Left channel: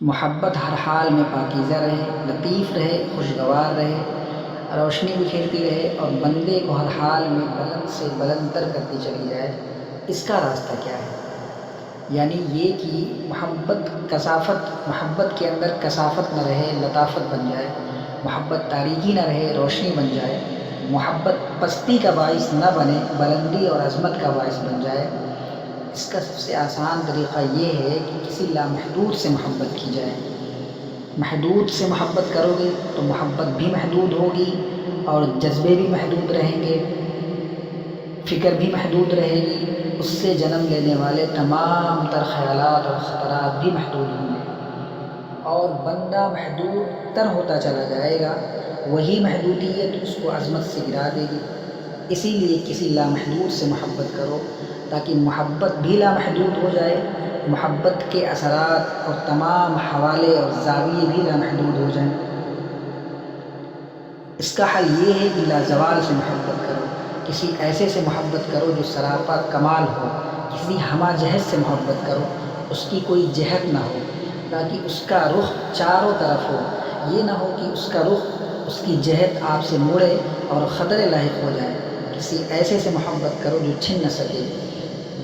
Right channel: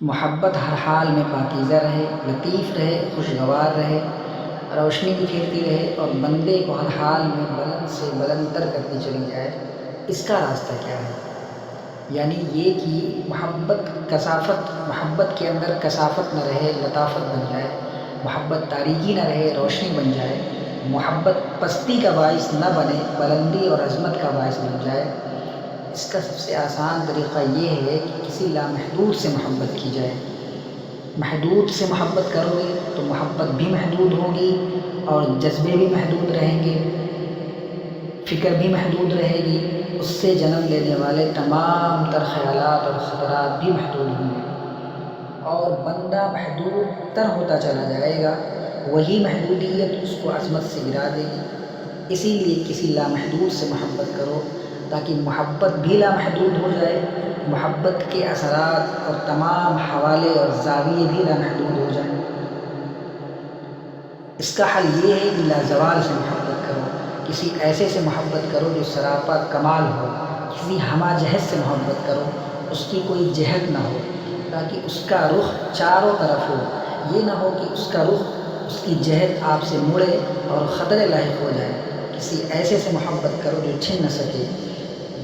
محبت ہر حال میں پاکیزہ رہے، لطیف رہے، خوشگوار رہے، روشنی بکھیرتی رہے اور بندے کو ہر حال میں بلند سے بلند تر کرتی چلی جائے۔ اس کا راستہ کیا ہے؟ یعنی یہ کہ محبت کے اندر کثافت نہ رہے، لطافت بن جائے، محبت تاریکی نہ رہے، روشنی بن جائے، محبت پستی کا باعث نہ بنے، بلندی اور عظمت کا باعث بن جائے۔ اس کا سب سے آسان طریقہ یہ ہے کہ کسی لامحدود سے محبت کی جائے۔ محدود سے محبت کرو گے تو محبت بھی محدود ہوگی اور جذبے بھی محدود رہیں گے، فکر بھی محدود رہے گی، اس سے جنم لینے والے تمام تر خیالات اور خطرات بھی محدود ہوں گے، اور بندہ محدود تر ہوتا چلا جائے گا۔ وہی محدودیت اس کو عظمت سے گرا دے گی۔ اسی لیے کسی لامحدود سے محبت کرو تاکہ محبت بھی لامحدود ہو جائے، محبت کے اثرات اور تمام حوالے اور زاویے بھی لامحدود ہو جائیں۔ اس کا حل یہ ہے کہ لازوال سے محبت کرو، کسی ایسے سے محبت کرو جو سراپا کمال ہو، کسی ہمہ جہت سے محبت کرو، اس کی کوئی جہت نہ ہو تاکہ اس کا رخ چاروں طرف ہو، یہ نہ ہو کہ اس کا رخ، اس کی جہت آپ سے مڑے اور خطرے لاحق ہو جائیں۔ کسی ایسے سے محبت کرو جو چھن نہ سکے۔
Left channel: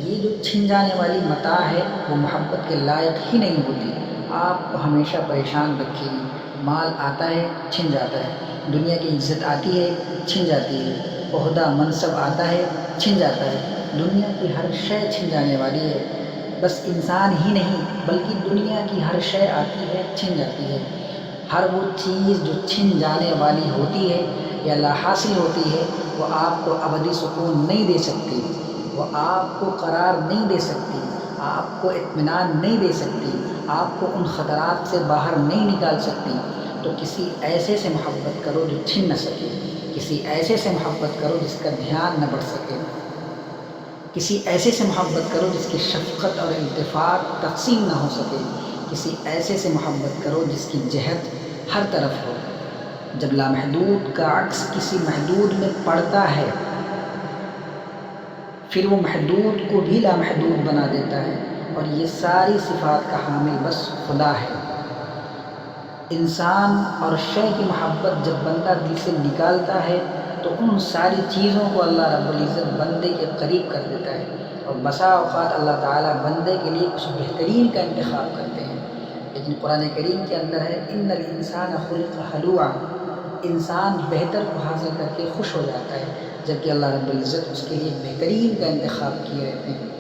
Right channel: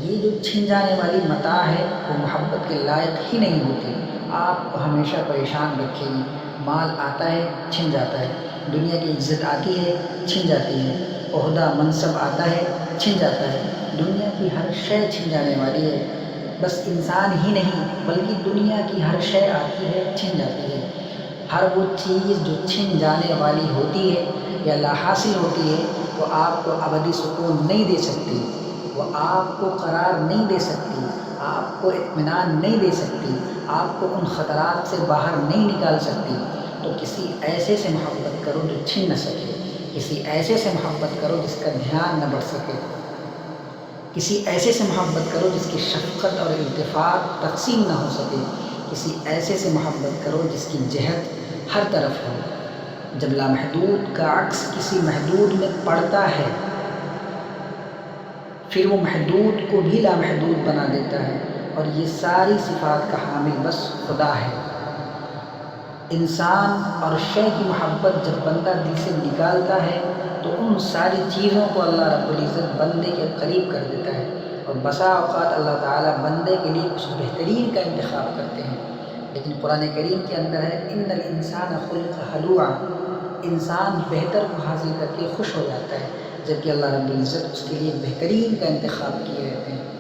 یہ جو چھن جانے والی متاع ہے وہ محبت کے لائق ہی نہیں ہوتی، آپ کو ہمیشہ پریشان رکھے گی۔ مال آتا ہے، چھن جاتا ہے، دنیا کی عزت آتی ہے، چھن جاتی ہے، عہدہ منصب آتا ہے، چھن جاتا ہے، دنیا کی ہر شے چھن جانے والی ہے۔ بس انسان ہی نہیں بلکہ دنیا کی ہر شے آتی ہے، چھن جاتی ہے۔ ہر وہ چیز جو چھن جانے والی ہوتی ہے یا لا حاصل ہوتی ہے وہ آپ کو ابدی سکون نہیں دے سکتی، وہ آپ کو قرار نہیں دے سکتی، آپ کو اطمینان نہیں دے سکتی، آپ کو ان خطرات سے باہر نہیں نکال سکتی۔ تو کسی ایسے سے محبت کرو جو چھن نہ سکے، کسی ایسے سے محبت کرو جس کا دھیان نہ بڑھ سکے، کسی ایسے سے محبت کرو جس کی شفقت اور التفات تقسیم نہ ہو سکے، کسی ایسے سے محبت کرو جس کی جہت ہر طرف ہو۔ جب لامحدود کا عکس کسی محدود میں پڑتا ہے پھر وہ محدود کو بھی لامحدود بنا دیتا ہے، اور یہ ساری صفات کا حامل بس خدا ہے۔ انسان اور شے کی محبت جب بندہ دل سے نکالتا ہے تو ان ساری چیزوں کو اللہ رب العزت بندے کے قریب کر دیتا ہے، اور بسا اوقات اللہ تعالیٰ بندے کے لیے کچھ بہترین کا انتخاب کرتے ہیں۔ لیکن قرآن کریم کے اندر ہے ان الانسان خلق ہلوعا، انسان بہتر کو حاصل کر کے خوش ہو جاتا ہے، جبکہ اللہ رب العزت اس کے لیے بہترین کا انتخاب کیے رہتے ہیں۔